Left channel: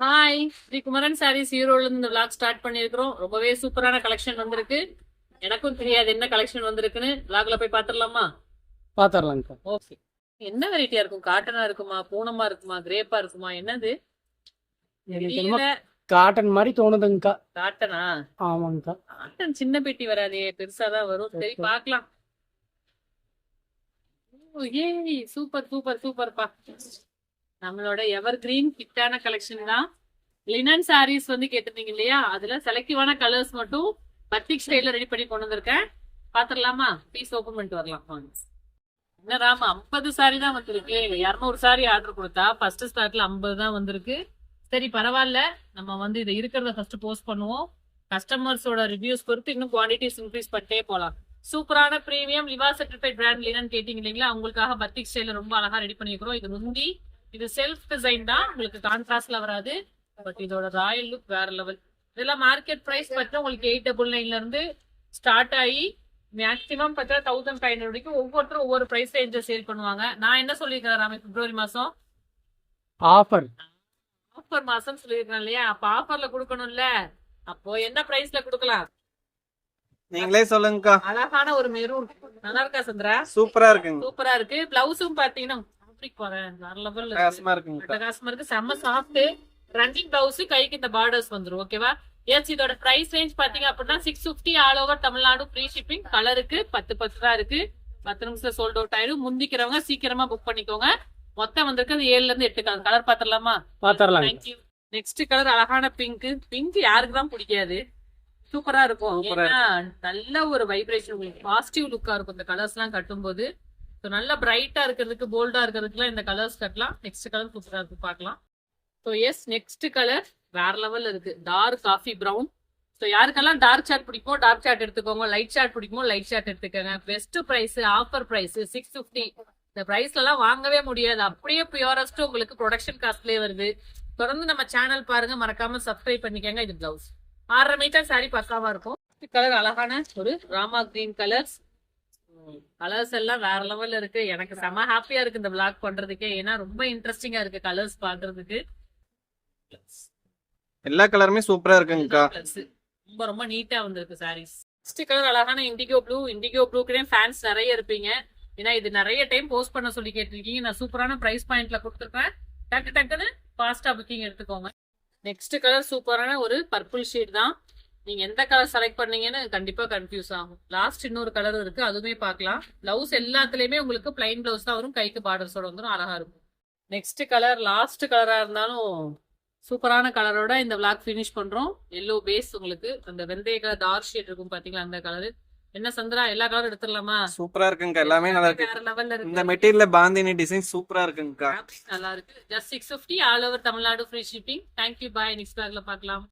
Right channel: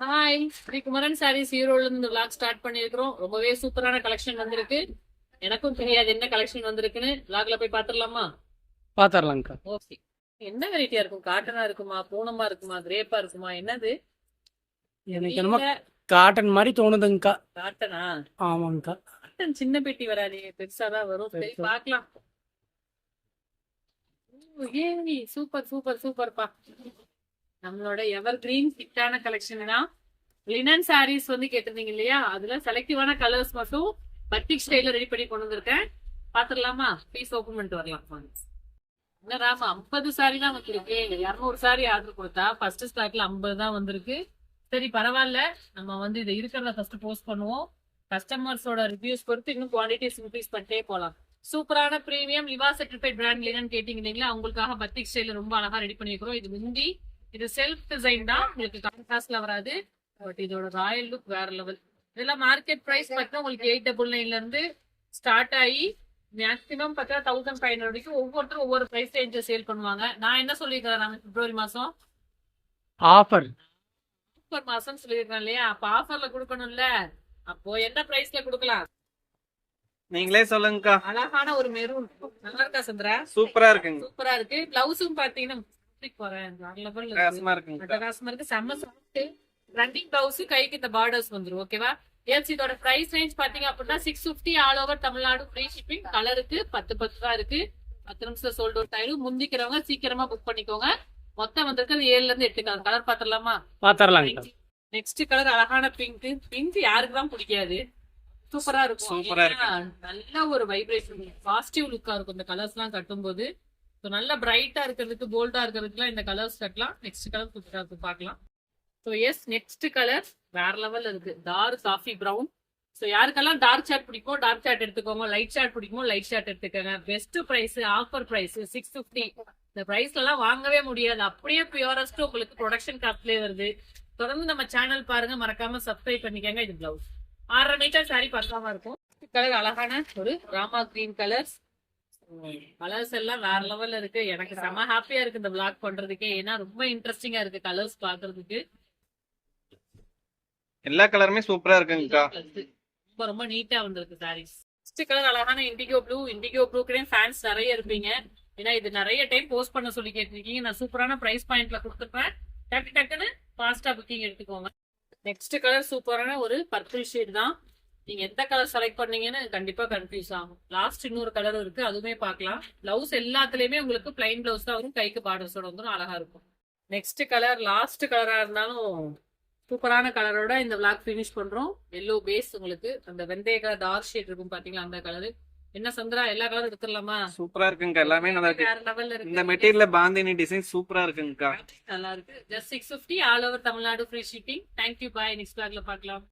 Hi, Sri Kumaran saris ஈரோடுல இருந்து vlog start பண்ணிருக்கிறோம். ரொம்பவே சூப்பரான கலெக்ஷன் வந்திருக்கு. எனக்கும் தெரியாது என்ன கலெக்ஷன் வந்திருக்குன்னு. vlogல போய் பாத்துடலாமா? பாத்தரலாம்க்கா. ஓகே. என்ன வெரைட்டியா இருக்கும்? காட்டனா இருக்குமா, பூனமா இருக்குமா, கிரேப்பா இருக்குமா, என்னது? எனக்கு என்னமோ காட்டன் மாதிரி தோணுதுங்கக்கா. காட்டனா? ஆமாங்கக்கா. காட்டன் சின்ன பெட்டி வராதே, பெருசாதான் வரும். சரி பாக்கலாம். ஏய், சூப்பர் சூப்பர் சூப்பர்ப்பா. நம்மளோட எவர் கிரீன் ஹிட்டான கலெக்ஷன் தான். லினன் சாரீஸ் வந்து கேட்டிருந்தீங்க இல்லையா? அதுல செலக்டிவான கலர்ஸ் மட்டும் பத்திக் ஸ்டைல ரெடி பண்ணி கொண்டு வந்திருக்கேன். பாத்துடலாமா? பீஸ் ஓபன் பண்ணிட்டு வரலாம். என்ன ராமா, 50 சாரி தான் வந்திருக்கு. 200 சாரி ஆர்டர் கொடுத்தா ஃபர்ஸ்ட் ஸ்டார்ட்ல 50 தான் வந்திருக்கு. சரி பரவாயில்ல, நம்ம வந்து இதை இருக்கிறத ஃபர்ஸ்ட் போஸ்ட் பண்ணுவோம். கஸ்டமர்ஸோட ரிவ்யூஸ் பொறுத்து இன்னும் குவான்டிட்டிஸ் இன்க்ரீஸ் பண்ணிட்டே போலாம். சூப்பரான பிரீமியம் லிவா சர்டிஃபைட் பிராண்ட் லினன் கேட்டீங்க இல்லைங்களா? உங்களுக்காக பத்திக் ஸ்டைல ரொம்ப அழகா ரெடி பண்ணிருக்கிறோம். இது முந்தி, இது செல்ஃப் டிசைன் தான், உங்களுக்கு கான்ட்ராஸ்ட்ல வராது. பட் இதோட ராயல் லுக் வேற லெவல். இதெல்லாம் மார்க்கெட் பிரைஸ் பார்த்தா உங்களுக்கு 899 இருந்து ஸ்டார்ட் ஆகி மேக்ஸிமம் பார்த்தா 1500 வரைக்கும் ஒவ்வொருத்தரும் ஒவ்வொரு பிரைஸ் ரேஞ்ச சேல் பண்ணுவாங்க. நான் என்ன சொல்லியிருக்கிறேன் நாம பிப்ரவரி மாசம் ஆஃபர் மாசம் சொல்லியிருக்கிறேன் இல்லையா? அப்ப ஆஃபர்ல கொடுக்கணும்ல. அப்போ என்ன பிரைஸ்ல கொடுக்கலாம்? நீங்களே சொல்லுங்கக்கா. அழகான ஒரு மெரூன். நல்லா இருக்கா சந்திரா? சூப்பரா இருக்குங்க. சூப்பரா இருக்கு. பிளவுஸும் பாத்தீங்கன்னா அட்டகாசமா இருக்கு. செம்ம சாஃப்ட் ரன்னிங் பிளவுஸ், கைக்கு இந்த பார்டர்ஸ் வந்துரும். ஓகேவா? எஸ், இதோட பிரைஸ் ரேஞ்ச் பாத்தீங்க அப்படின்னா 650 all over Tamil Nadu. Free shipping. கலருக்கு 10 தான் இருக்கு. 10 நிமிஷம் சோல்ட் அவுட் ஆயிடும். முந்திக்கிறவங்க சீக்கிரமா புக் பண்ணிக்கோங்க. மொத்தம் வந்திருக்கு 7ல இருந்து 8 கலர். கலர் பாத்திரலாமா? பாத்தரலாம். நெக்ஸ்ட் கலர் அழகான பிங்க். பிங்க் யாருக்கு தான் பிடிக்காது? சூப்பரா இருக்கும். நல்ல ஒரு வைப்ரேஷன், உங்களுக்கு பாசிட்டிவ் லுக்கா இருக்கும் இந்த கலர்ஸ் எல்லாம் கட்டும் போது. நல்ல பிரைட்டா இருக்கிறதுக்கு, போல்டா இருக்கிறதுக்குலாம் இந்த கலர்ஸ் கட்டலாம். நெக்ஸ்ட் கலர் சூப்பரா இருக்கு, பாக்கலாம். ஸோ எஸ், நெக்ஸ்ட் கலர் வேற லெவல்ல இருக்கு. Dark coffee brown. ஸோ யாருக்கெல்லாம் டார்க் சார்ட் பிடிக்குமோ டார்க் சார்ட் எடுத்துக்கோங்க. லைட் சார்ட் பிடிக்குமோ லைட் சார்ட் எடுத்துக்கோங்க. Best price, offer price 650. இந்த பிரைஸ்ல எல்லாம் வாங்கவே முடியாது. அப்படியே பியூரஸ்ட் உங்களுக்கு ப்ரொடக்ஷன் காஸ்ட்லயே வருது. தொடர்ந்து நம்ம சேனல் பாருங்க, மறக்காம சப்ஸ்கிரைப் பண்ணிக்கோங்க. இது பிளவுஸ் 6.5 மீட்டர் சாரி பக்காவா இருக்கும். கலர் அழகான ஒரு ராமா கிரீன் கலர்ஸ். கலர்ஸ் எல்லாம் வேற லெவல்ல இருக்கு. எனக்கு செம ஹாப்பியா இருக்கு இந்த vlog பண்றதுக்கே. ஏன்னா ரொம்ப இன்ட்ரெஸ்டிங்கா இருக்கு கலர்ஸ் பாக்குறதுக்கு. எல்லா கலருமே சூப்பரா இருக்குங்கக்கா. ரொம்ப ரொம்ப நீட்டா வந்திருக்கு சாரீஸ். நெக்ஸ்ட் கலர் அழகான இண்டிகோ ப்ளூ. இண்டிகோ ப்ளூக்குனே ஃபேன்ஸ் நிறைய இருப்பீங்க. ஏன்னா இது நிறைய டைம் போஸ்ட் பண்ண சொல்லி கேட்டிருக்கீங்க. நான் சூப்பரான பிரைஸ் பாயிண்ட்ல கொடுத்துருக்கேன். டக்கு டக்குன்னு ஃபாஸ்டா புக்கிங் எடுத்துக்கோங்க. நெக்ஸ்ட் கலர் சூப்பரான ஒரு பர்பிள் ஷேட் தான். நீங்க எந்த கலர் செலக்ட் பண்ணீங்கன்னு கண்டிப்பா கன்ஃபியூஸ் ஆகும். லாஸ்ட் இன்னொரு கலர் இருக்கு, அதுவுமே பார்க்கலாம். பிளவுஸ் எல்லாத்துலயுமே உங்களுக்கு பிளைன் பிளவுஸ் தான் வரும். கைக்கு பார்டர்ஸோட வந்துடும். அழகா இருக்கும். நெக்ஸ்ட் கலர் லாஸ்ட் கலரா இருந்தாலும் சூப்பரான கலரோட இந்த vlog ஃபினிஷ் பண்றோம். எல்லோ பேஸ், உங்களுக்கு அந்த வெந்தய கலர் டார்க் ஷேட் இருக்கும் பாத்தீங்களா, அந்த கலர். என்ன சந்திரா, எல்லா கலரும் எடுத்துடலாமா? சூப்பரா இருக்குங்க. எல்லாமே நல்லா இருக்கு. வேற லெவல்ல இருக்கு. இந்த மெட்டீரியல் பாந்தினி டிசைன் சூப்பரா இருக்குங்கக்கா. நல்லா இருக்கு. Just 650 all over Tamil Nadu. Free shipping. Thank you, bye. Next vlogல பார்க்கலாம்.